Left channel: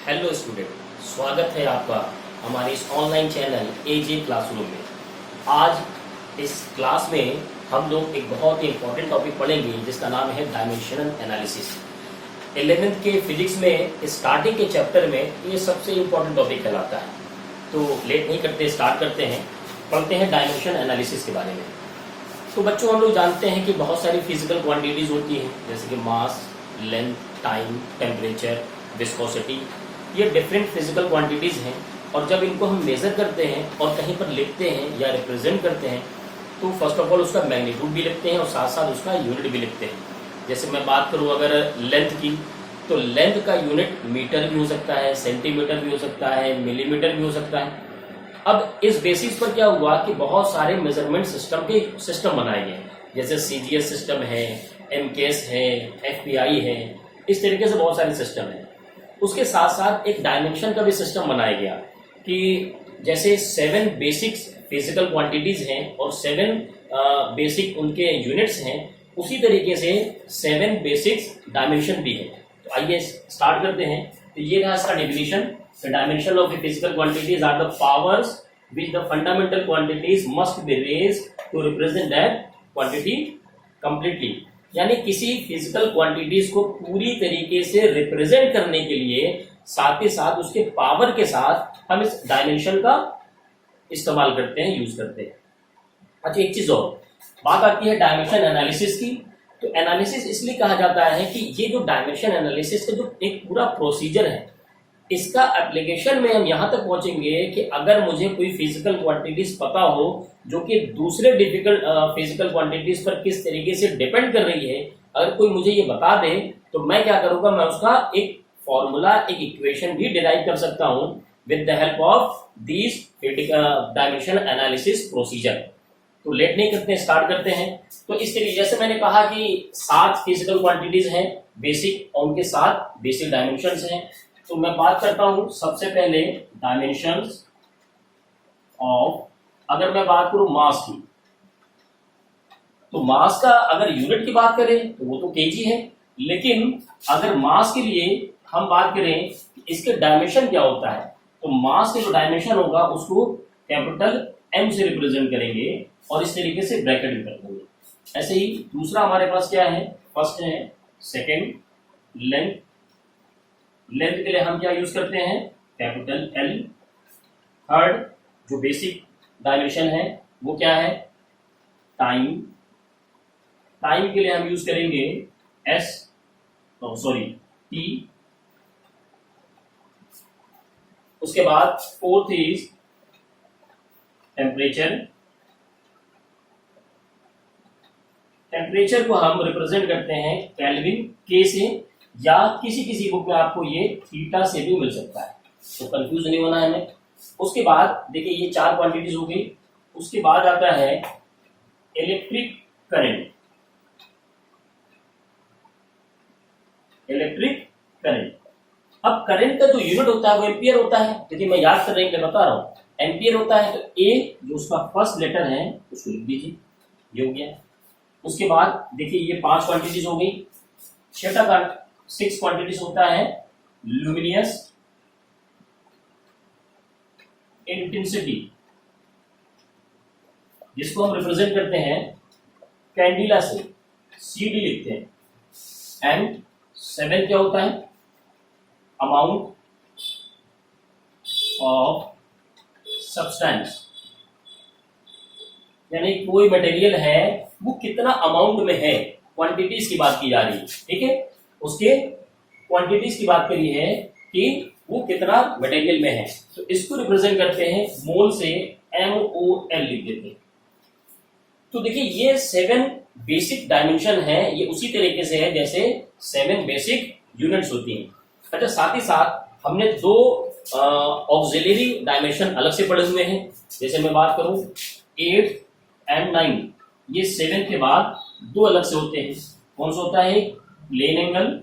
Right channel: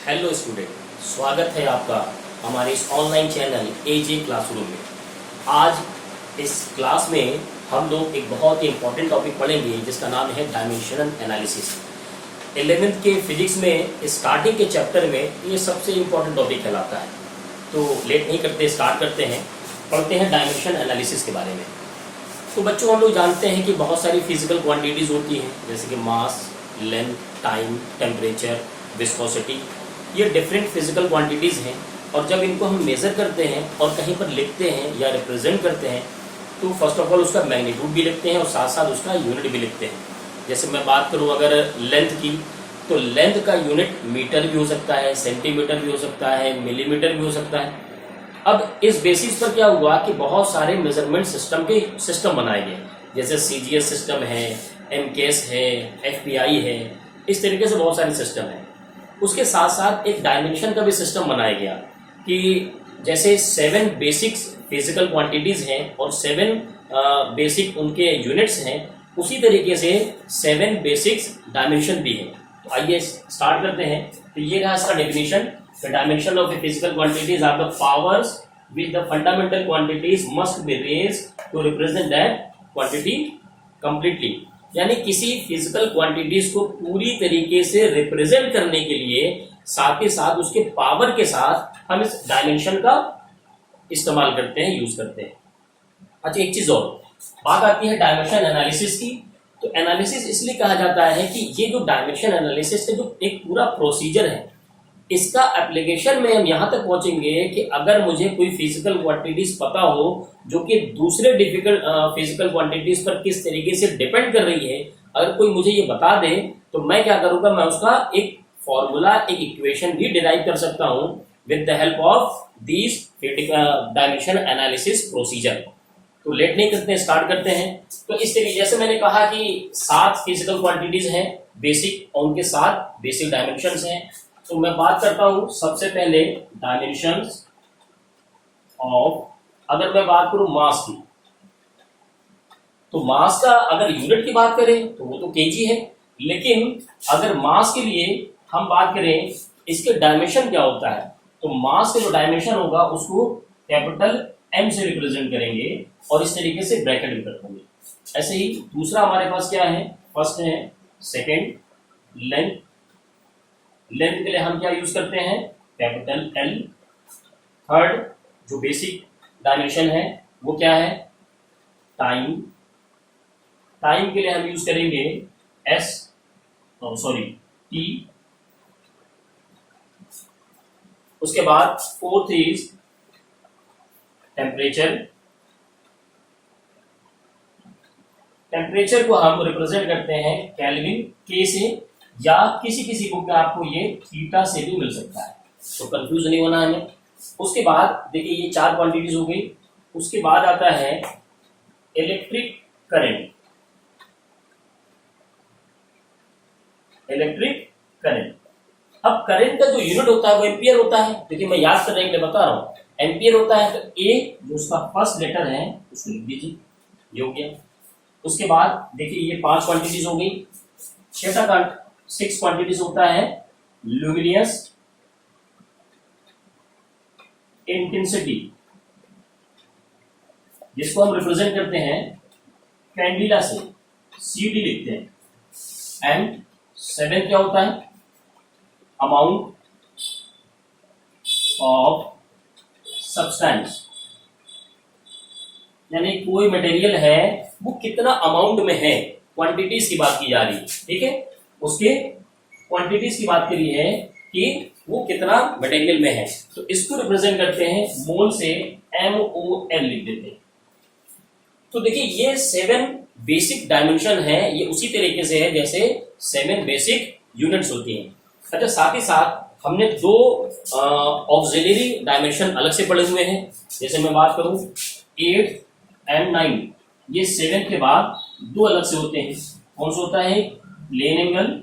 Hello student, स्वागत है आपका हमारे इस ऑनलाइन चैनल एजे क्लासरूम में। आज इस क्लास में हम लोग एक बहुत ही इंपॉर्टेंट टॉपिक पढ़ेंगे जिसका नाम है डायमेंशनल एनालिसिस। 11th के फिजिक्स में स्टार्टिंग के चैप्टर में ये सबसे इंपॉर्टेंट टॉपिक कहलाता है। तो लेट नहीं करते, स्टार्ट करते हैं, पढ़ते हैं डायमेंशन एनालिसिस के बारे में। तो बच्चों, हम लोग जानते हैं कि बहुत सारी फिजिकल क्वांटिटीज होती हैं, जैसे कि मास, लेंथ, टाइम, टेम्परेचर, विस्कोसिटी। ये डिफरेंट फिजिकल क्वांटिटीज हैं और जब इनको हम मेजर करते हैं और कहीं पर लिखते हैं या रिप्रेजेंट करते हैं तो फर्स्ट ऑफ ऑल उसका मैग्नीट्यूड भी लिखते हैं और साथ साथ उसका यूनिट भी लिखते हैं। जैसे मैं बात करूं अगर लेंथ की, तो लेंथ का यूनिट मीटर भी हो सकता है, सेंटीमीटर भी हो सकता है, मिलीमीटर भी हो सकता है। अब इस बेसिस पर क्या हुआ कि बहुत सारे मेजरमेंट सिस्टम बनाए गए, जैसे सीजीएस सिस्टम है, एमकेएस है, एफपीआई है, इस तरीके से बहुत सारे सिस्टम है। उसके साथ साथ एक डायमेंशन का भी सिस्टम बनाया गया कि जैसे 7 बेसिक फिजिकल क्वांटिटीज हैं और 7 बेसिक उनके यूनिट्स हैं, उसी तरीके से 7 बेसिक डायमेंशन भी है। तो आइए स्टार्ट करते हैं। तो ये रहा इसका definition. The dimension of the physical quantities are the powers which the fundamental quantities must be raised to represent that quantity completely. यानी किसी फिजिकल क्वांटिटीज को पूरी तरीके से रिप्रेजेंट करने के लिए साथ ही साथ उसके पावर के साथ हम इस डायमेंशन का इस्तेमाल करते हैं, यूज करते हैं। अच्छा, एक चीज और बात आती है डायमेंशन एनालिसिस की। तो एनालिसिस इसलिए कहा जाता है कि ये जो डायमेंशन एनालिसिस का जो एक पूरा प्रोसीजर है, इसका एप्लीकेशन में हम यहां तक पहुंचेंगे कि अगर मुझे कोई फिजिकल क्वांटिटीज पता हो जो कि दूसरे डिफिकल्ट फिजिकल क्वांटिटीज पर किस तरीके से डिपेंड कर रही है, अगर कोई मुझे ये बता दे तो मैं क्या करूंगा, मैं उसका एक फॉर्मूला, एक इक्वेशन भी डिराइव कर सकता हूं with the help of this dimension analysis procedure. तो लेट नहीं करते, स्टार्ट करते हैं। तो इस तरीके जैसे मैंने कहा कि 7 फिजिकल क्वांटिटीज हैं बेसिक, और उनके 7 बेसिक डायमेंशंस हैं। तो मैं बात करता हूं सबसे पहले डायमेंशंस ऑफ, अगर मैं बात करूं मास की, तो मास का अगर यूनिट की बात करें तो वो तो केजी है, लेकिन अगर मास के लिए हम बात करें इसके डायमेंशन क्या होता है, तो मास के जो डायमेंशन होगा उसको कैपिटल एम से रिप्रेजेंट करेंगे और इस तरीके से ब्रैकेट भी कर देंगे। ऐसे ही दूसरा हमारे पास क्या है, फर्स्ट है सेकेंड लेंथ। लेंथ के लिए हम क्या यूज करते हैं, कैपिटल एल। थर्ड जो बेसिक डायमेंशन है वो क्या है, टाइम। टाइम के लिए हम यूज करेंगे एस, सॉरी टी। उसके बाद फोर्थ इज टेम्परेचर। टेम्परेचर को हम रिप्रेजेंट करते हैं केल्विन के से, या किसी किसी को क्या आपको ये थीटा से भी मिल सकता है, तो कंफ्यूज नहीं होना हमें। उसके बाद देखिए ये 4 क्वांटिटीज हो गई। उसके बाद आता है इलेक्ट्रिक करंट। इलेक्ट्रिक करंट, अब करंट का जो यूनिट होता है वो एम्पियर होता है। देखिए मैं याद करने के लिए बता रहा हूं, एम्पियर होता है। तो ए जो उसका फर्स्ट लेटर है उसको लिख दीजिए, ये हो गया। उसके बाद देखिए ये 5 क्वांटिटीज हो गई। छठा का 6 क्वांटिटीज होता है ल्यूमिनियस इंटेंसिटी, जिसको हम रिप्रेजेंट करते हैं कैंडिला से, CD लिखते हैं। एंड 7 क्या होता है, अमाउंट ऑफ सब्सटेंस, यानी कोई मटेरियल है वो कितना अमाउंट में है, क्वांटिटीज की बात की जा रही है, ठीक है। उसके क्वांटिटीज की बात करी है कि वो कितना मटेरियल में है, तो इसको रिप्रेजेंट करते हैं मोल से, MOL लिख देते हैं। तो देखिए ये 7 बेसिक डायमेंशन है, ये उसी तरीके से है जैसे 7 बेसिक यूनिट्स होती हैं। अच्छा, साथ ही साथ हमने 2 ऑक्सिलरी डायमेंशन अलग से पढ़े हुए हैं। जैसे मैं बात करूं 8 एंड 9, ये 7 के बाद 2 अलग से होते हैं। कौन सा होता है, plane angle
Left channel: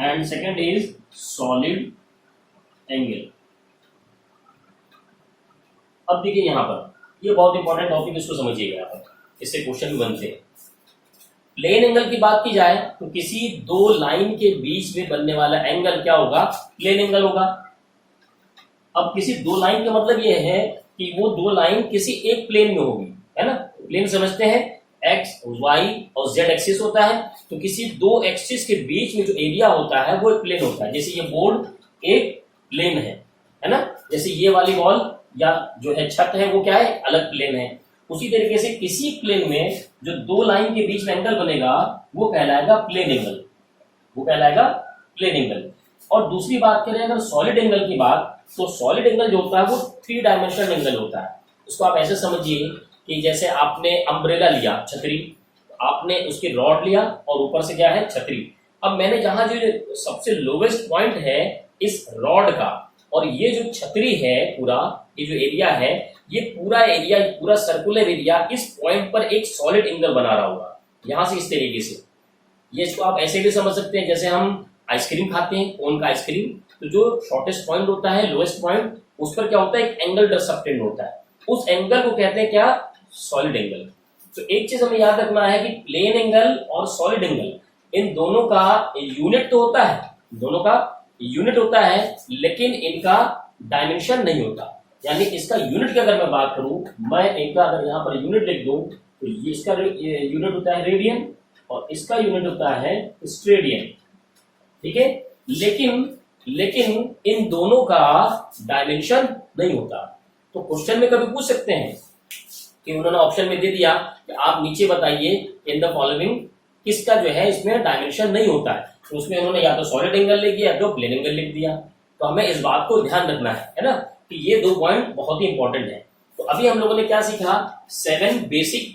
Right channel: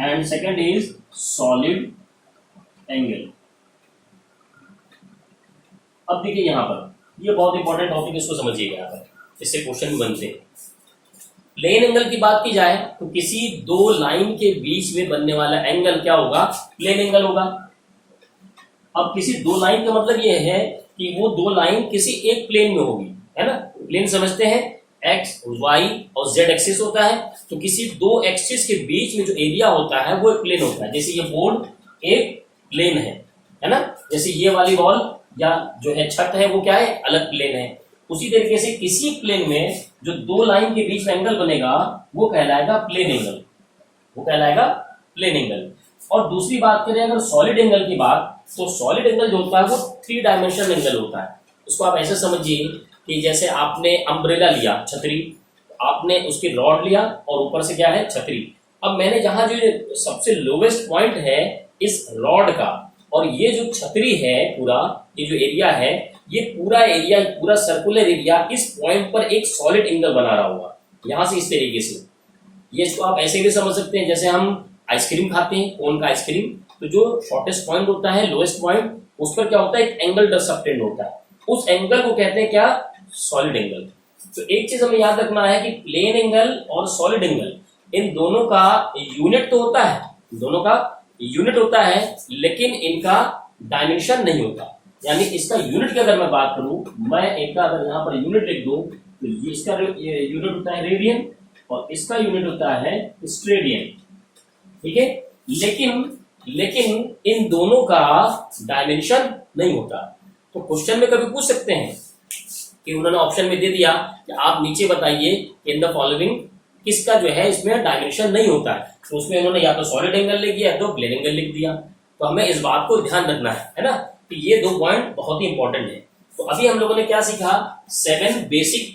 and second is solid angle. अब देखिए यहां पर ये बहुत इंपॉर्टेंट टॉपिक, इसको समझिएगा, यहां पर इससे क्वेश्चन भी बनते हैं। प्लेन एंगल की बात की जाए तो किसी दो लाइन के बीच में बनने वाला एंगल क्या होगा, प्लेन एंगल होगा। अब किसी दो लाइन का मतलब यह है कि वो दो लाइन किसी एक प्लेन में होगी, है ना। प्लेन समझते हैं एक्स वाई और जेड एक्सिस होता है, तो किसी दो एक्सिस के बीच में जो एरिया होता है वो एक प्लेन होता है। जैसे ये बोर्ड एक प्लेन है ना, जैसे ये वाली वॉल या जो है छत है वो क्या है, अलग प्लेन है। उसी तरीके से किसी प्लेन में जो दो लाइन के बीच में एंगल बनेगा वो कहलाएगा प्लेन एंगल, वो कहलाएगा प्लेन एंगल। और दूसरी बात करें अगर सॉलिड एंगल की बात, तो सॉलिड एंगल जो होता है वो 3 डायमेंशनल एंगल होता है। उसको आप ऐसे समझिए कि जैसे आपने अम्ब्रेला लिया, छतरी, आपने उसकी रॉड लिया और ऊपर से क्या है, छतरी। अब मैंने जहां जो सबसे लोवेस्ट पॉइंट है इस रॉड का, और ये जो छतरी है पूरा, ये जो एरिया है, ये पूरा एरिया, पूरा सर्कुलर एरिया इस पॉइंट पर एक सॉलिड एंगल बना रहा होगा, यहां से इस तरीके से। ये इसको आप ऐसे भी समझ सकते हैं, जैसे हम आइसक्रीम खाते हैं, कोन का आइसक्रीम, तो जो शॉर्टेस्ट पॉइंट होता है, लोएस्ट पॉइंट, उस पर क्या होता है, एक एंगल सबटेंड होता है। उस एंगल को कहते हैं क्या, सॉलिड एंगल। तो एक चीज हमें याद रखना है कि प्लेन एंगल और सॉलिड एंगल, इन दोनों का यूनिट तो होता है, दोनों का यूनिट होता है, लेकिन इनका डायमेंशन नहीं होता। यानी इसका यूनिट की अगर मैं बात करूं, मैं इनका अगर यहाँ पर यूनिट लिख दूं, तो ये इसका यूनिट होता है रेडियन और इसका यूनिट होता है स्टेडियन, ठीक है। लेकिन इन दोनों का डायमेंशन नहीं होता। तो क्वेश्चन में कभी पूछ सकते हैं कि उन्होंने ऑप्शन में दे दिया कि आप नीचे बताइए इन द फॉलोइंग किसका जो है इसमें डायमेंशन नहीं होता है, तो उसमें उन्होंने या तो सॉलिड एंगल लिख दिया या तो प्लेन एंगल लिख दिया। तो हमें इस बात को ध्यान रखना है ना, कि ये 2 पॉइंट बहुत ही इंपॉर्टेंट है। तो अभी हम लोगों ने क्या सीखा, 7 बेसिक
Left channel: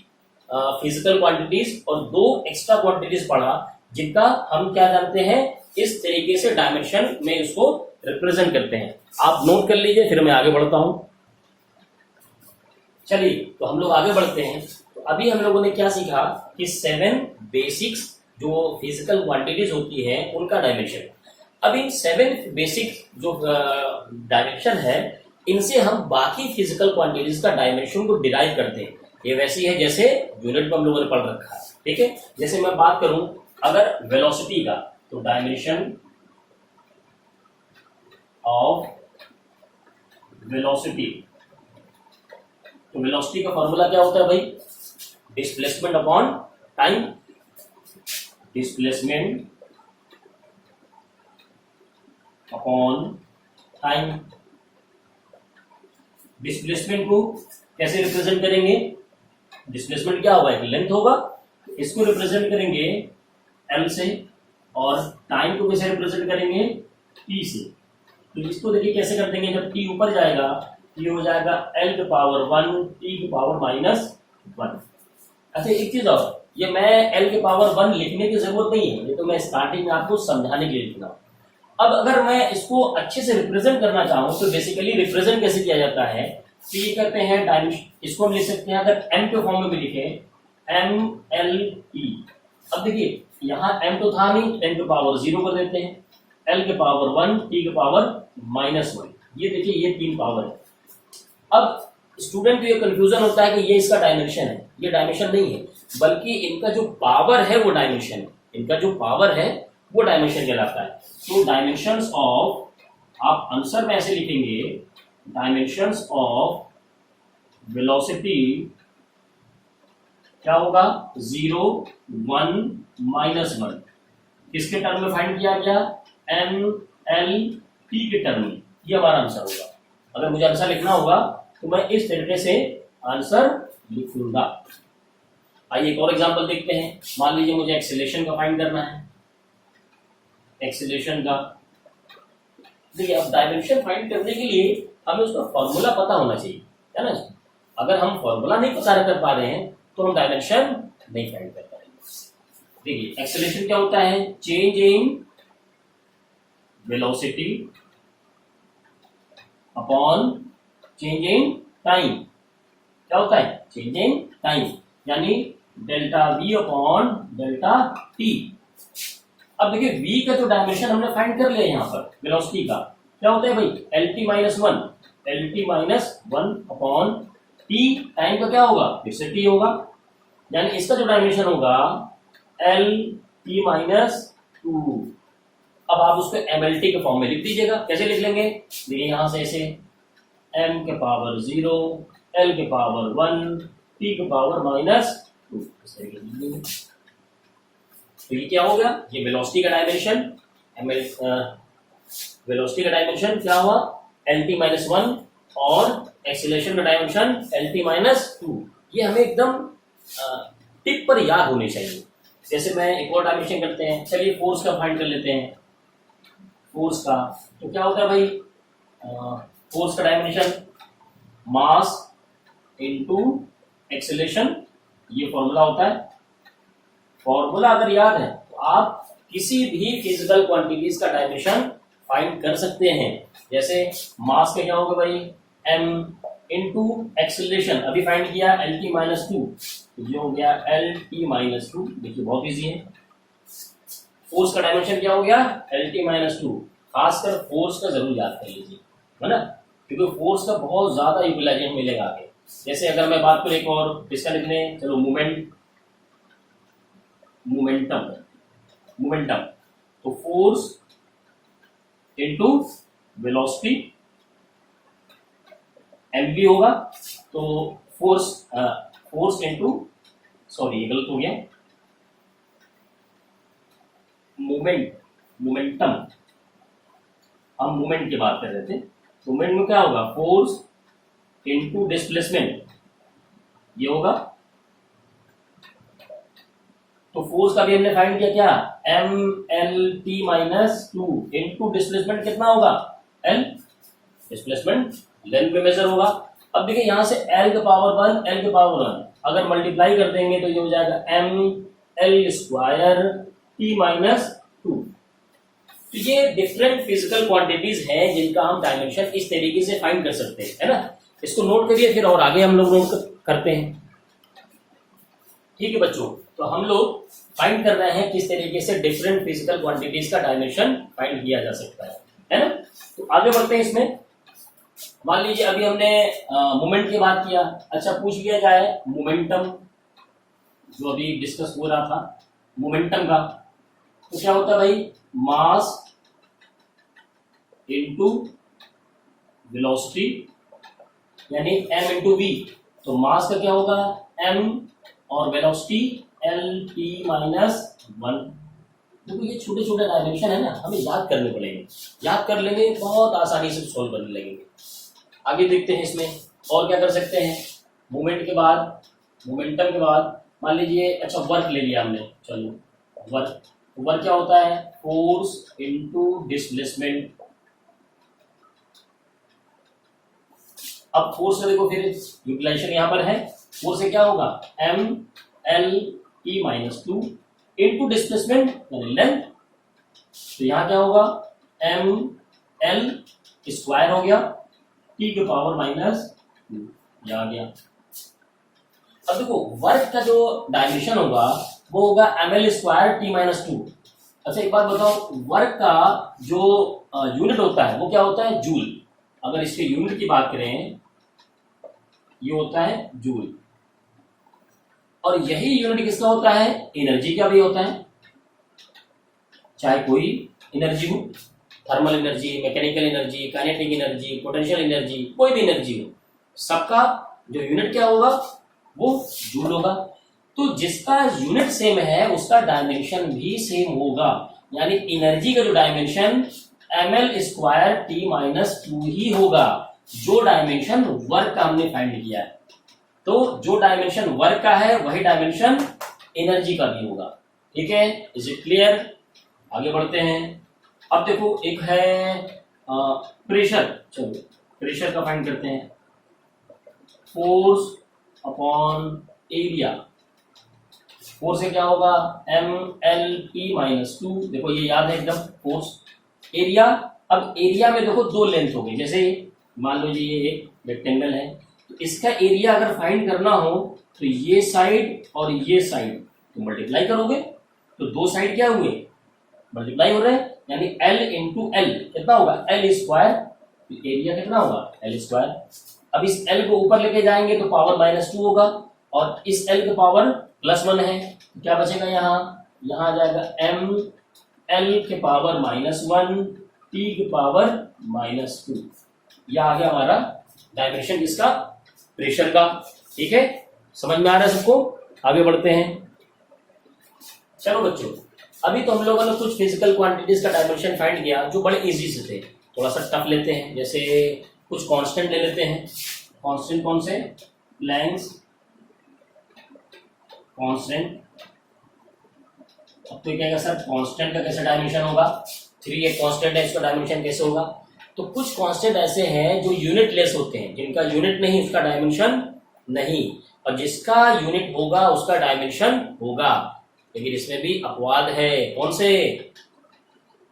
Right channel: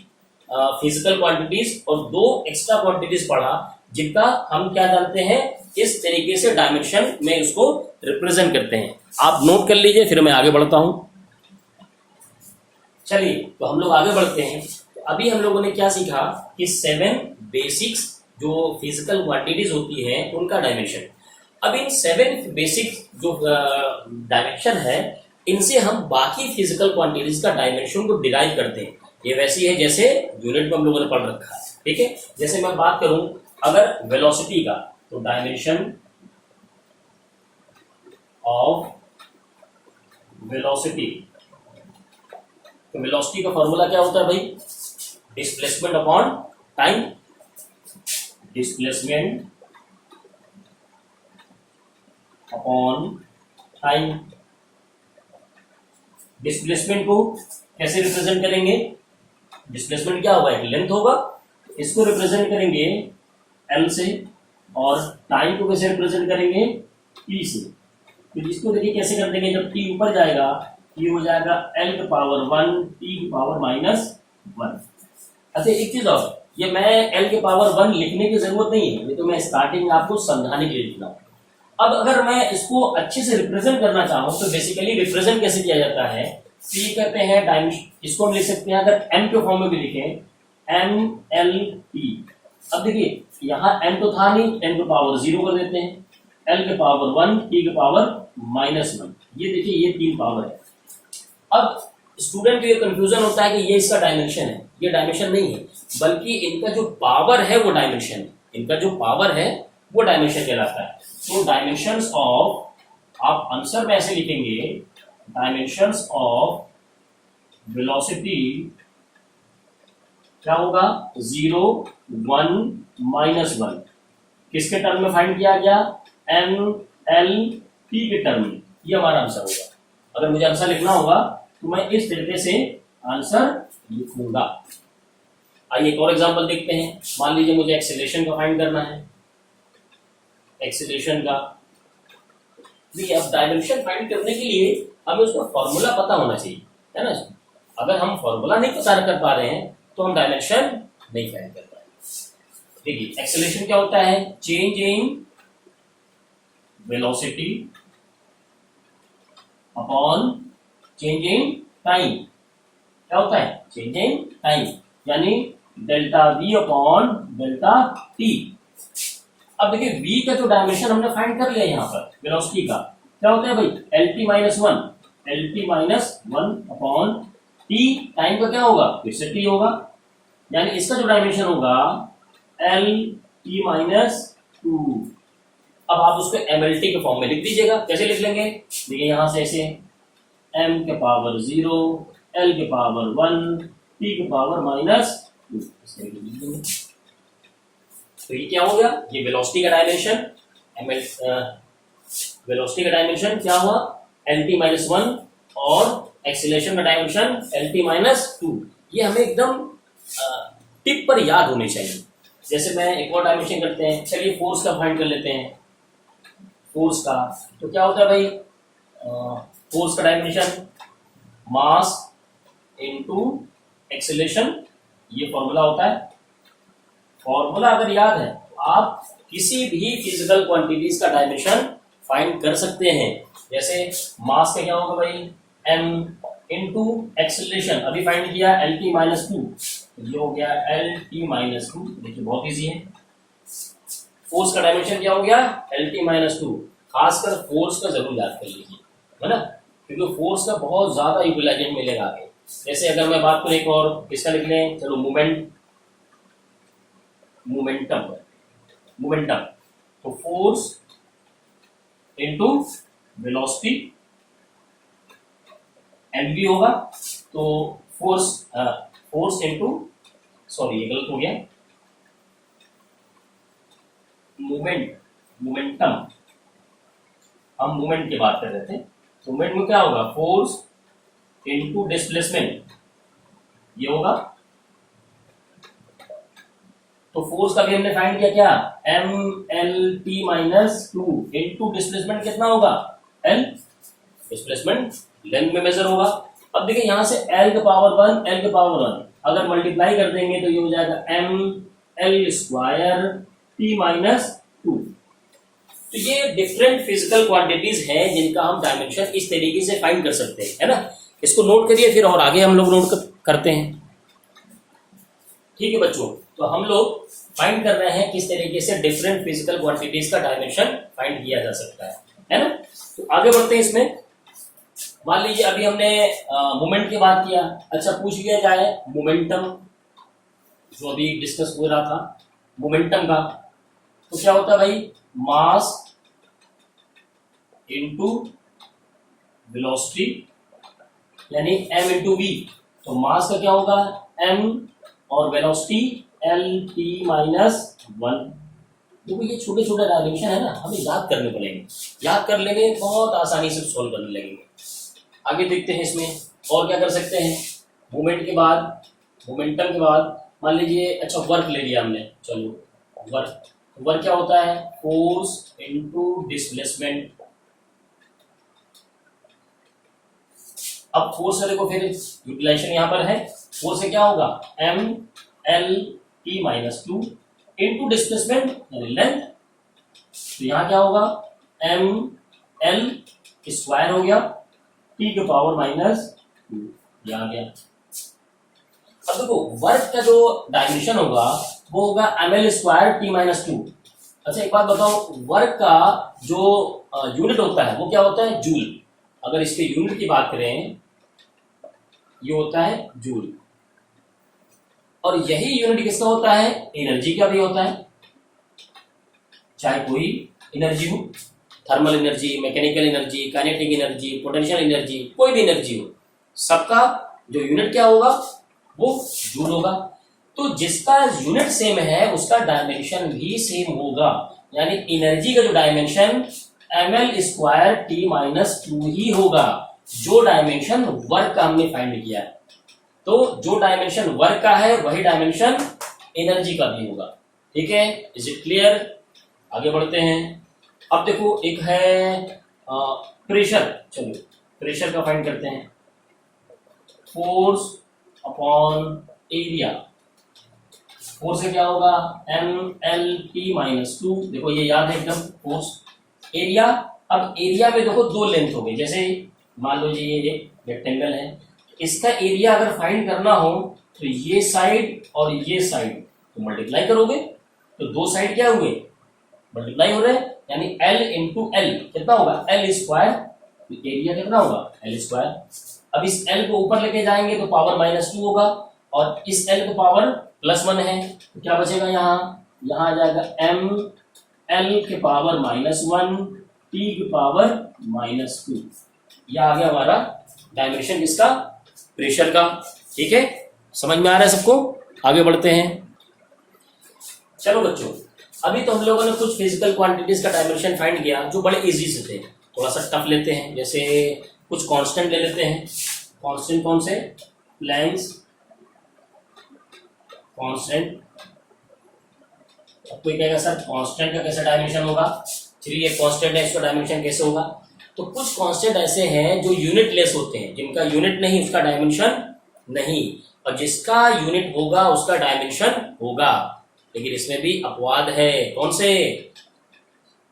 फिजिकल क्वांटिटीज और 2 एक्स्ट्रा क्वांटिटीज पढ़ा, जिनका हम क्या जानते हैं, इस तरीके से डायमेंशन में उसको रिप्रेजेंट करते हैं। आप नोट कर लीजिए, फिर मैं आगे बढ़ता हूं। चलिए तो हम लोग आगे बढ़ते हैं। तो अभी हम लोगों ने क्या सीखा कि 7 बेसिक्स जो फिजिकल क्वांटिटीज होती है उनका डायमेंशन। अब इन 7 बेसिक जो डायमेंशन है, इनसे हम बाकी फिजिकल क्वांटिटीज का डायमेंशन को डिराइव करते हैं। ये वैसी है जैसे यूनिट में हम लोगों ने पढ़ रखा है, ठीक है। जैसे मैं बात करूं अगर वेलोसिटी का, तो डायमेंशन ऑफ वेलोसिटी, तो वेलोसिटी का फॉर्मूला क्या होता है भाई, displacement upon time. Displacement upon time. Displacement को कैसे रिप्रेजेंट करेंगे, डिस्प्लेसमेंट क्या होगा, एक लेंथ होगा, इसको रिप्रेजेंट करेंगे एल से, और टाइम को कैसे रिप्रेजेंट करेंगे, टी से। तो इसको देखिए कैसे कर देंगे, जब टी ऊपर जाएगा ये हो जाएगा एल के पावर 1 टी की पावर -1। अच्छा एक चीज और, ये मैं एल के पावर 1 लिखने की जरूरत नहीं है, ये तो मैं स्टार्टिंग में आपको समझाने के लिए लिख रहा हूं। अब अगर मैं इसको अच्छे से रिप्रेजेंट करना चाहूं तो बेसिकली रिप्रेजेंट कैसे किया जाता है, तो ये कहते हैं डायमेंशन, इसको हम लिख सकते हैं अगर एम के फॉर्म में भी लिखें MLT। अब देखिए यहाँ m तो था नहीं, m के पावर 0 कर देते हैं, l के पावर 1 t के पावर -1। ये देखिए ये 3 पावर है। अब स्टूडेंट को ये कंफ्यूजन होता है कि ये इसका डायमेंशन है, ये डायमेंशन नहीं है, बल्कि इनका जो पावर है वो डायमेंशन है, इनका जो पावर है वो डायमेंशन कहलाता है। तो डायमेंशंस ऑफ, आप आंसर में ऐसे लिखेंगे, डायमेंशंस ऑफ वेलोसिटी क्या होगा, 0 1 -1। किसके टर्म में फाइंड किया गया, MLT के टर्म में। ये हमारा आंसर होगा। अगर मुझे आंसर लिखना होगा तो मैं इस तरीके से आंसर लिखूंगा। आइए एक और एग्जांपल देखते हैं। मान लीजिए मुझे एक्सेलरेशन का फाइंड करना है, एक्सेलरेशन का। देखिए अब डायमेंशन फाइंड करने के लिए हमें उसका फॉर्मूला पता होना चाहिए, है ना। अगर हम फॉर्मूला नहीं पता कर पा रहे हैं तो हम डायमेंशन नहीं फाइंड कर पाएंगे। देखिए एक्सेलरेशन क्या होता है, change in velocity upon change in time. क्या होता है, चेंज इन टाइम, यानी delta V upon delta T। अब देखिए V का जो डायमेंशन हमने फाइंड कर लिया यहाँ पर वेलोसिटी का, क्या होता है भाई, LT -1 अपॉन T। टाइम का क्या होगा, फिर से T होगा, यानी इसका जो डायमेंशन होगा एल टी माइनस टू। अब आप उसको एमएलटी के फॉर्म में लिख दीजिएगा। कैसे लिख लेंगे? देखिए यहां से ऐसे m के पावर 0, l के पावर 1, t के पावर माइनस 2, इस तरीके से लिख देंगे। तो ये क्या हो गया? ये वेलोसिटी का डायमेंशन, वेलोसिटी का डायमेंशन क्या हुआ? एल टी माइनस 1 और एक्सीलरेशन का डायमेंशन एल टी माइनस 2। ये हमें एकदम टिप पर याद होने चाहिए। जैसे मैं एक और डायमेंशन करते हैं, चलिए फोर्स का फाइंड कर लेते हैं। फोर्स का तो क्या होता है भाई? फोर्स का डायमेंशन मास इनटू एक्सीलरेशन, ये फॉर्मूला होता है। फॉर्मूला अगर याद है तो आप किसी भी फिजिकल क्वांटिटीज का डायमेंशन फाइंड कर सकते हैं। जैसे मास का क्या होगा भाई? m इनटू एक्सीलरेशन, अभी फाइंड किया एल टी माइनस 2, ये हो गया एल टी माइनस 2। देखिए बहुत इजी है। फोर्स का डायमेंशन क्या हो गया? L T minus 2। खासकर फोर्स का जरूर याद कर लीजिए, है ना, क्योंकि फोर्स का बहुत ज्यादा यूटिलाइजेशन मिलेगा आगे। जैसे अगर मैं बात करूं एक और इसका लिख लें, चलो मोमेंटम तो फोर्स इनटू वेलोसिटी एम भी होगा। तो फोर्स इनटू, सॉरी ये गलत हो गया, मोमेंटम, हम मूवमेंट की बात कर रहे थे। मूवमेंट में क्या होगा? फोर्स इनटू डिस्प्लेसमेंट, ये होगा। तो फोर्स का भी हमने फाइंड किया क्या? M L T minus 2 into displacement कितना होगा? एल, डिस्प्लेसमेंट लेंथ में मेजर होगा। अब देखिए यहां से एल के पावर 1, एल के पावर 1 अगर मल्टीप्लाई कर देंगे तो ये हो जाएगा M L square T minus 2। तो ये डिफरेंट फिजिकल क्वांटिटीज हैं जिनका हम डायमेंशन इस तरीके से फाइंड कर सकते हैं, है ना। इसको नोट करिए, फिर और आगे हम लोग नोट करते हैं। ठीक है बच्चों, तो हम लोग फाइंड कर रहे हैं किस तरीके से डिफरेंट फिजिकल क्वांटिटीज का डायमेंशन फाइंड किया जा सकता है ना। तो आगे बढ़ते हैं इसमें। मान लीजिए अभी हमने मोमेंट की बात किया। अच्छा, पूछ लिया जाए मोमेंटम, जो अभी डिस्कस हो रहा था मोमेंटम का, तो क्या होता है भाई? मास इनटू वेलोसिटी, यानी m इंटू वी। तो मास का क्या होगा? m और वेलोसिटी एल टी माइनस 1। देखो ये छोटे छोटे डायमेंशन है ना, हमें याद करने पड़ेंगे। याद कर लेंगे बहुत आसानी से सॉल्व करने लगेंगे। आगे देखते हैं इसमें और क्या कर सकते हैं। मोमेंट के बाद, मोमेंटम के बाद मान लीजिए अच्छा वर्क ले लिया हमने। चलो वर्क क्या होता है? Force into displacement. अब फोर्स का देखो फिर यूटिलाइजेशन यहां पर है। फोर्स से क्या होगा? M L T minus 2 into displacement यानी लेंथ। तो यहां क्या होगा? एम एल स्क्वायर हो गया टी के पावर माइनस 2, ये आ गया। अब देखो वर्क का जो डायमेंशन होगा वो होगा M L square T minus 2। अच्छा एक बात बताओ, वर्क का जो यूनिट होता है वो क्या होता है? जूल। अगर इसके यूनिट की बात करें, ये होता है जूल। और यही यूनिट किसका होता है? एनर्जी का भी होता है। चाहे कोई एनर्जी हो, thermal energy, mechanical energy, kinetic energy, potential energy, कोई भी एनर्जी हो, सबका जो यूनिट क्या होगा? वो जूल होगा। तो जिसका यूनिट सेम है उसका डायमेंशन भी सेम होगा। यानी एनर्जी का जो dimension M L square T minus 2 ही होगा, जो डायमेंशन वर्क का हमने फाइंड किया है। तो जो डायमेंशन वर्क का है वही डायमेंशन एनर्जी का भी होगा। ठीक है, इज इट क्लियर? आगे बढ़ते हैं। अब देखो एक है प्रेशर। चलो प्रेशर का फाइंड करते हैं। Force upon area. फोर्स से क्या होगा? M L T minus 2। देखो ये याद है एकदम। फोर्स एरिया, अब एरिया में देखो दो लेंथ हो गई। जैसे मान लो जी ये रेक्टेंगल है, तो इसका एरिया अगर फाइंड करना हो तो ये साइड और ये साइड तो मल्टीप्लाई करोगे, तो दो साइड क्या हुए? मल्टीप्लाई हो रहे हैं। यानी एल इंटू एल कितना होगा? L square. एरिया कितना होगा? L square. अब इस एल को ऊपर लेके जाएंगे तो पावर माइनस 2 होगा, और इस एल का पावर प्लस 1 है, तो क्या बचेगा यहाँ? यहाँ आ जाएगा ml के पावर -1 t के पावर -2। यह आ गया हमारा डायमेंशन किसका, प्रेशर का। ठीक है, समझ में आ रहा है सबको? आगे बढ़ते हैं। चलो बच्चों, अभी तो हम लोगों ने कुछ फिजिकल क्वांटिटीज का डायमेंशन फाइंड किया जो बड़े इजी से थे। थोड़ा सा टफ लेते हैं, जैसे कुछ कांस्टेंट ले लेते हैं। कांस्टेंट कौन से? Planck's constant. अब कोई कहेगा सर कांस्टेंट का कैसे डायमेंशन होगा? 3 एक कांस्टेंट है, इसका डायमेंशन कैसे होगा? तो कुछ कांस्टेंट ऐसे हैं जो यूनिट लेस होते हैं, जिनका यूनिट नहीं उसका डायमेंशन नहीं, और जिसका यूनिट होगा उसका डायमेंशन होगा। लेकिन इसमें भी अपवाद है। कौन से?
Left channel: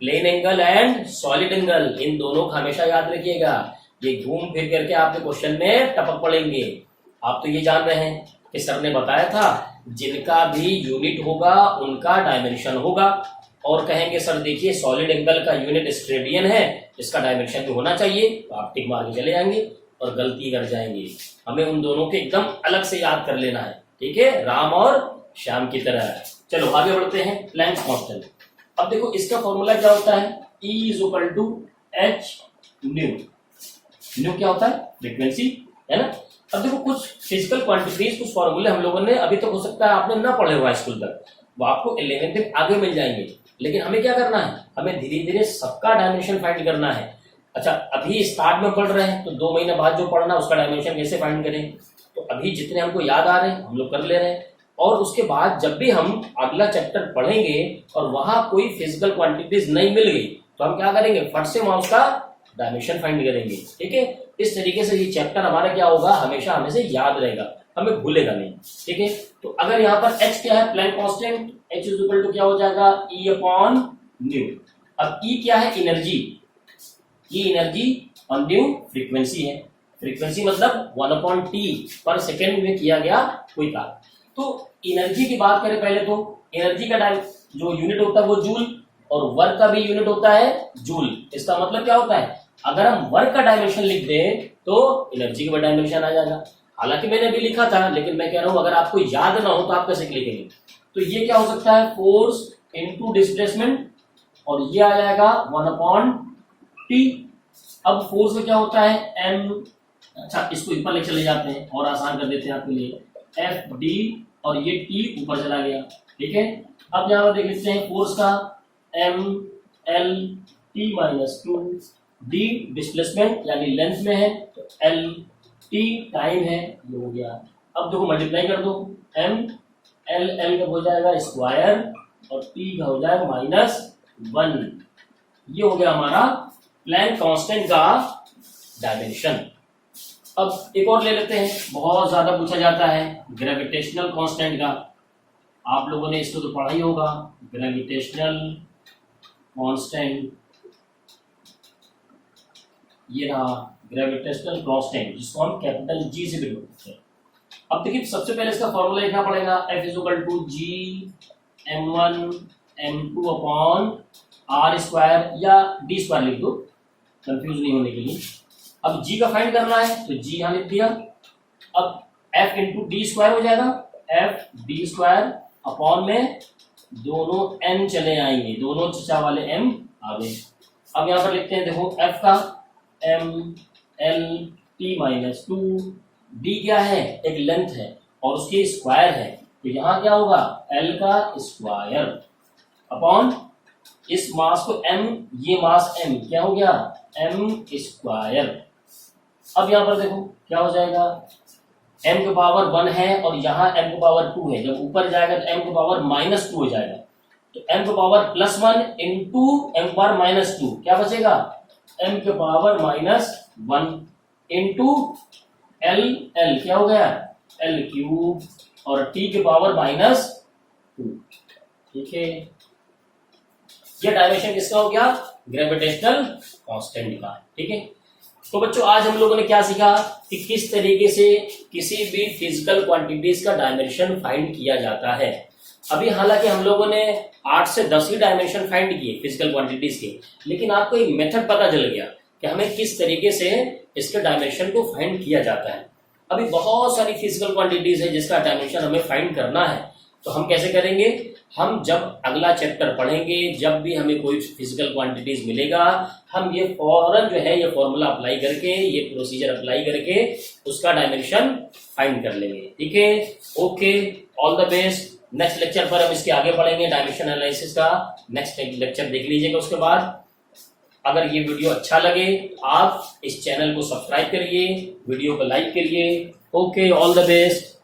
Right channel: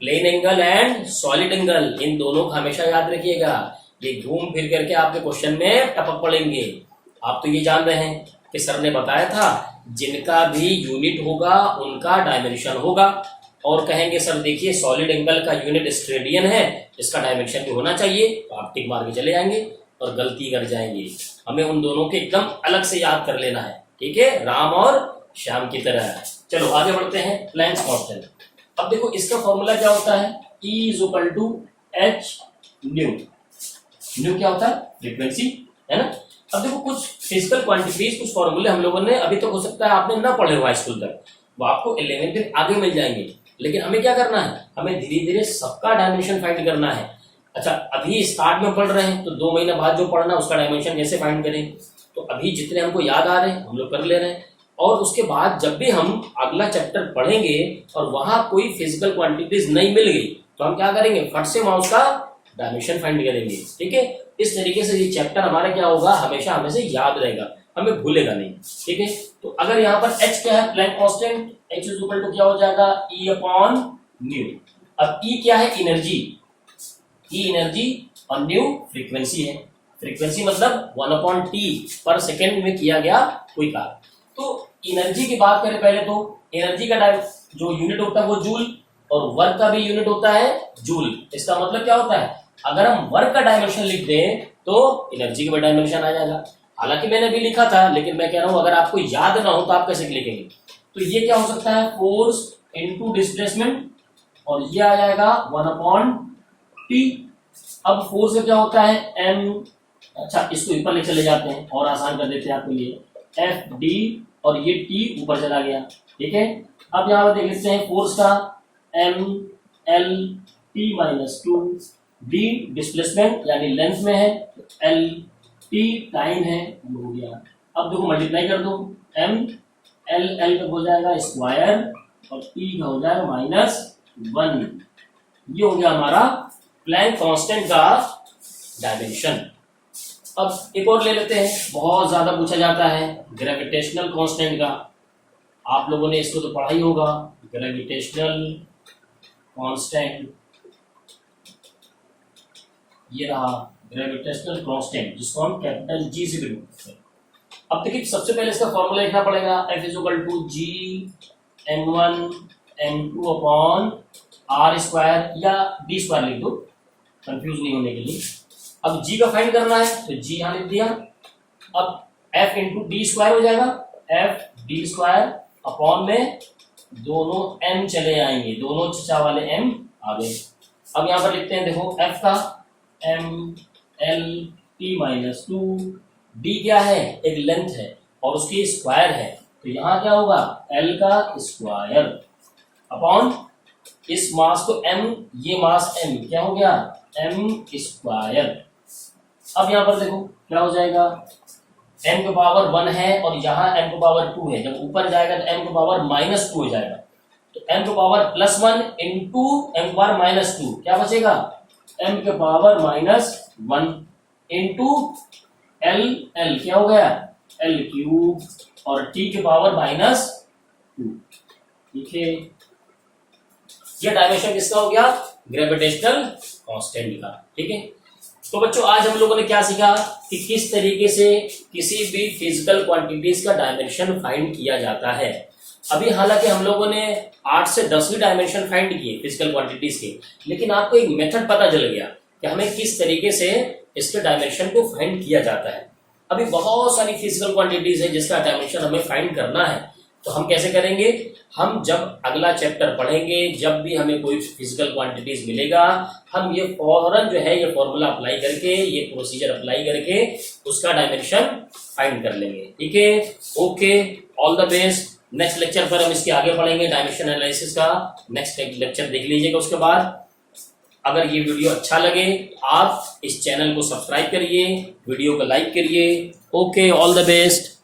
Plane angle and solid angle, इन दोनों का हमेशा याद रखिएगा। ये घूम फिर करके आपके क्वेश्चन में टपक पड़ेंगे। आप तो ये जान रहे हैं कि सर ने बताया था जिनका भी यूनिट होगा उनका डायमेंशन होगा। और कहेंगे सर देखिए सॉलिड एंगल का यूनिट स्टेरेडियन है, इसका डायमेंशन भी होना चाहिए, तो आप टिक मार के चले जाएंगे और गलती कर जाएंगे। हमें उन दोनों के एकदम अलग से याद कर लेना है। ठीक है, राम और श्याम की तरह। चलो आगे बढ़ते हैं। Planck's constant. अब देखो इसका फॉर्मूला क्या होता है? E = h new. न्यू क्या होता है? फ्रीक्वेंसी, है ना। अब देखो कुछ फिजिकल क्वांटिटीज, कुछ फॉर्मूले हम लोगों ने अभी तक हो सकता है आपने ना पढ़े हुआ स्कूल तक, वो आपको 11th दिन आगे मिल जाएंगे। लेकिन हमें क्या करना है? हमें धीरे धीरे सबका डायमेंशन फाइंड करना है। अच्छा, अभी स्टार्ट में पढ़ रहे हैं तो 2 महीने बाद जो पढ़ना उसका डायमेंशन कैसे फाइंड करें? तो अभी जितने हमको याद आ रहे हैं हम लोग कर ले रहे हैं, और उसके बाद जब भी हम अगला चैप्टर पढ़ेंगे और वहां कोई फिजिकल क्वांटिटीज नहीं मिल गई तो हम क्या करेंगे? फट से वहां उसका डायमेंशन फाइंड करेंगे। ठीक है, इस तरीके से ये चैप्टर हमारा क्या होगा? हमेशा हमें से याद रहेगा, हमें भूलेगा नहीं। ठीक है, तो अगर यहाँ पर h क्या है? Planck constant. h = क्या हो जाएगा? E/न्यू। अब E क्या है? एनर्जी। E एनर्जी और न्यू फ्रीक्वेंसी है। फ्रीक्वेंसी मतलब 1/t पर सेकेंड में किया गया कोई कार्य। तो एनर्जी की बात करें पहले, तो एनर्जी का जो यूनिट होता है वो जूल, और वर्क का भी यूनिट होता है जूल। इसका मतलब क्या होता है? अगर हम वर्क का डायमेंशन लिख दें तो एनर्जी का भी डायमेंशन आ जाएगा। हालांकि मैंने भी लिखा था, लेकिन मैं कह रहा हूं अगर आपको याद ना हो तो आप कैसे लिखेंगे? तो ये क्या हो सकता है? फोर्स इनटू डिस्प्लेसमेंट, और ये आ जाएगा 1/t। अब फोर्स में क्या होता है? m। अच्छा, इसको ऊपर ले चले जाते हैं और आसान कर देते हैं आपके लिए। Fd, और ये t ऊपर चला गया। ठीक है, अब यहाँ पर देख लेते हैं फोर्स का mL/t-2, d डिस्प्लेसमेंट यानी लेंथ में है, तो l t टाइम है, ये हो गया। अब देखो मल्टीप्लाई कर दो, m l का हो जाएगा स्क्वायर और t का हो जाएगा -1। ये हो गया हमारा प्लैंक कांस्टेंट का डायमेंशन। अब एक और ले लेते हैं, बहुत ज्यादा पूछा जाता है ग्रेविटेशनल कांस्टेंट का। आप लोगों ने इसको तो पढ़ा ही होगा, ग्रेविटेशनल कांस्टेंट। ये रहा ग्रेविटेशनल कांस्टेंट, जिसको हम कैपिटल G से भी लिखते हैं। अब देखिए सबसे पहले इसका फॉर्मूला लिखना पड़ेगा। F = G(m1m2/r²) या d² लिख दो, कंफ्यूज नहीं होने के लिए। अब G का फाइंड करना है तो G यहां लिख दिया। अब F × d² हो जाएगा, F d² में दोनों m चले आएंगे, दोनों चचा वाले m आ गए। अब यहां पर लिखते हैं, देखो F का mL/t-2, d क्या है? एक लेंथ है और उसकी स्क्वायर है, तो यहां क्या होगा? L का स्क्वायर अपॉन इस मास को m, ये मास m, क्या हो गया? m²। अब यहां पर देखो क्या हो जाएगा? m की पावर 1 है और यहाँ m की पावर 2 है, जब ऊपर जाएगा तो m की पावर -2 हो जाएगा, तो m की पावर +1 इंटू m की पावर -2 क्या बचेगा? m की पावर -1 इंटू l क्या हो गया? l³ और t की पावर -2। ठीक है, ये डायमेंशन किसका हो गया? ग्रेविटेशनल कांस्टेंट का। ठीक है, तो बच्चों आज हम लोगों ने क्या सीखा कि किस तरीके से किसी भी फिजिकल क्वांटिटीज का डायमेंशन फाइंड किया जाता है। अभी हालांकि हम लोगों ने 8 से 10 ही डायमेंशन फाइंड किए फिजिकल क्वांटिटीज के, लेकिन आपको एक मेथड पता चल गया कि हमें किस तरीके से इसके डायमेंशन को फाइंड किया जाता है। अभी बहुत सारी फिजिकल क्वांटिटीज है जिसका डायमेंशन हमें फाइंड करना है, तो हम कैसे करेंगे, हम जब अगला चैप्टर पढ़ेंगे, जब भी हमें कोई फिजिकल क्वांटिटीज मिलेगा, हम ये फौरन जो है ये फॉर्मूला अप्लाई करके, ये प्रोसीजर अप्लाई करके उसका डायमेंशन फाइंड कर लेंगे। ठीक है, okay, all the best. Next lecture पर हम इसके आगे पढ़ेंगे डायमेंशन एनालिसिस का। नेक्स्ट लेक्चर देख लीजिएगा। उसके बाद अगर ये वीडियो अच्छा लगे, आप इस चैनल को सब्सक्राइब करिए, वीडियो को लाइक करिए। Okay, all the best.